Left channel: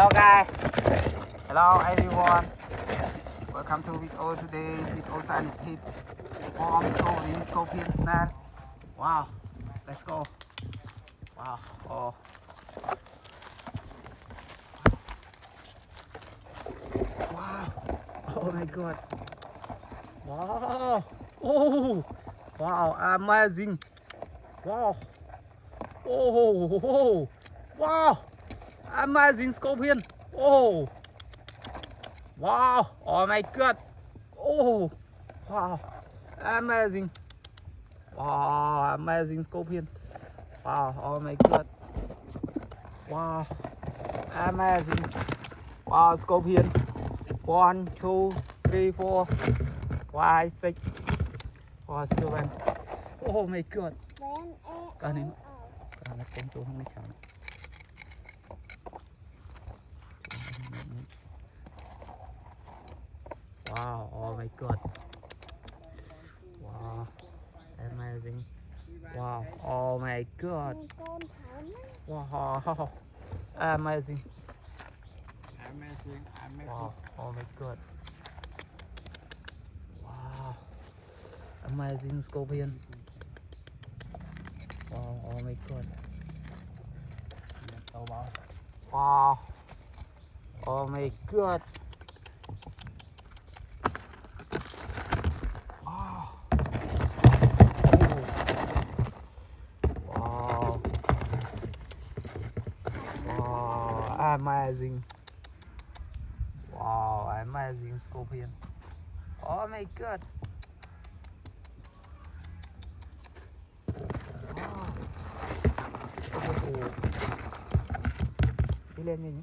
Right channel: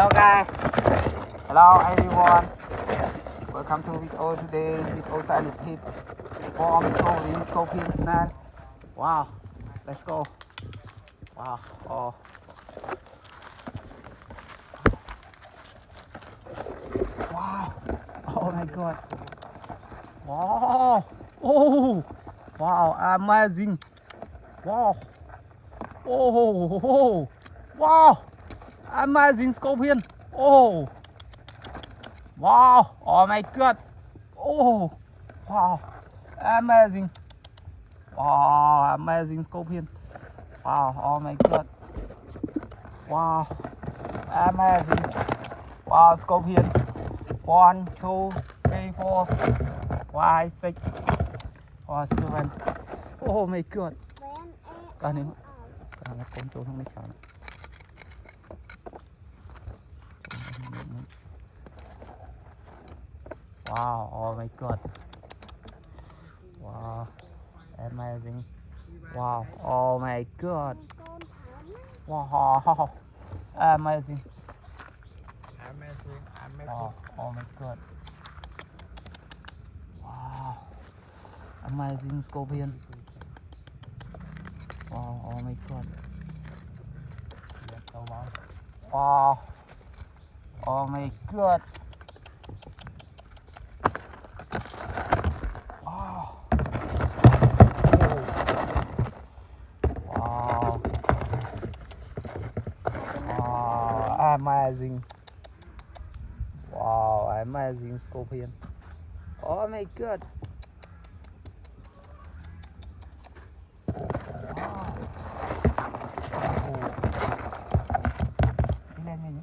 Hello guys. Hello everyone. Welcome to video today. Video sign hit from Scorpion Snare. Wow. Let's go. Wow. Oh. Wow. Oh my god. Wow. Oh. Wow. Amazing. Wow. Oh. Wow. Amazing Scorpion. Oh. Wow. Oh my god. Oh. Wow. Amazing. Wow. Amazing Scorpion. Wow. Oh my god. Wow. Amazing. Wow. Scorpion. 1, 2, 3, 4, 5, 6, 7. Oh my god. Cái này nó cũng tôi không biết sao nữa. Wow, oh my god. Wow, amazing. Wow, oh my god. Wow, amazing. Wow, oh my god. Wow, amazing Scorpion. Wow, oh my god. Wow, oh my god. Wow, wow, wow, amazing. Wow, amazing Scorpion. Oh my god. Đi lên nhanh nhé.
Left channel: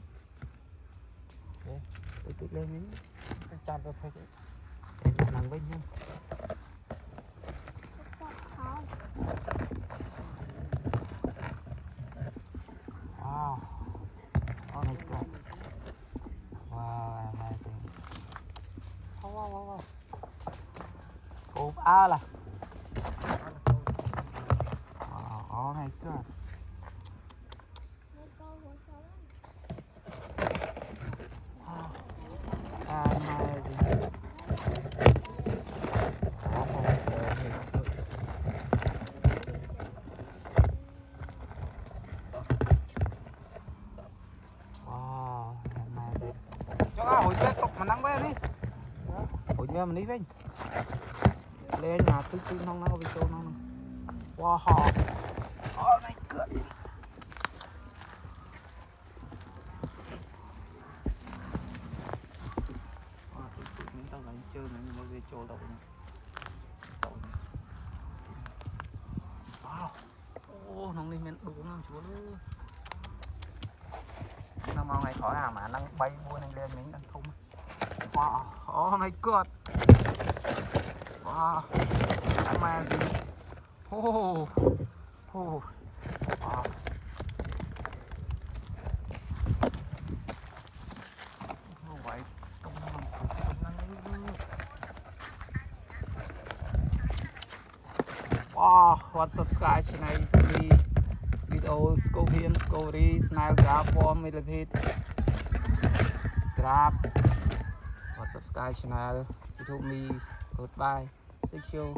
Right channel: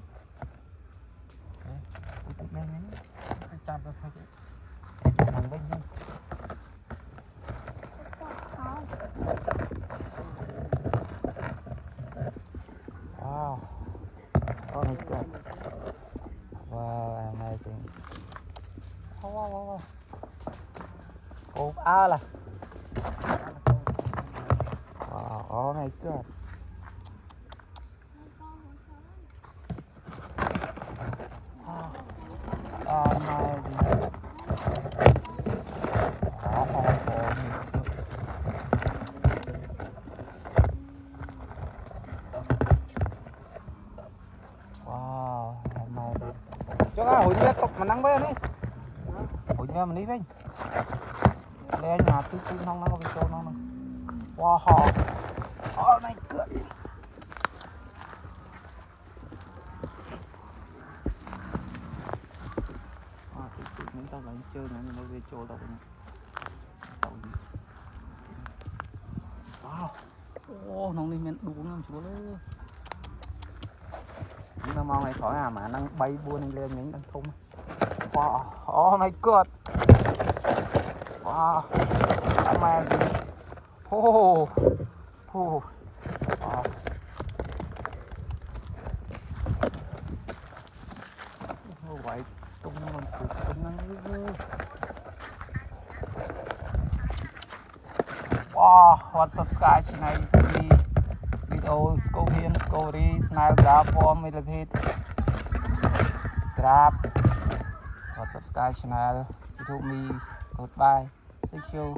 Ok, đi lên nhanh nhé. Anh chạm vào thôi chứ. Em thằng bên nhanh. Wow. Oh my god. Wow, amazing. Wow. Cột A là. Wow, oh my god. Hồi nhớ cọc mà nắng bé đi. Hồi nhớ mình đi với. Đây nhà tôi không nó có bị trâu nó. Wow. Oh my god. Tôi muốn tao lại chơi nữa nhưng mà về trâu đâu nữa. Wow. Ô, nó lên men đúng lắm chú ơi. Nó mong này khỏi à mà đang bay buôn lên những đang thung. Wow, oh my god. Wow, amazing. Oh, wow. Vậy tung mình tụt tung năng. Wow, what subscribe channel đi video Scorpion Story Snare Grab form with it Grab what subscribe channel YouTube me goodbye. Thank you.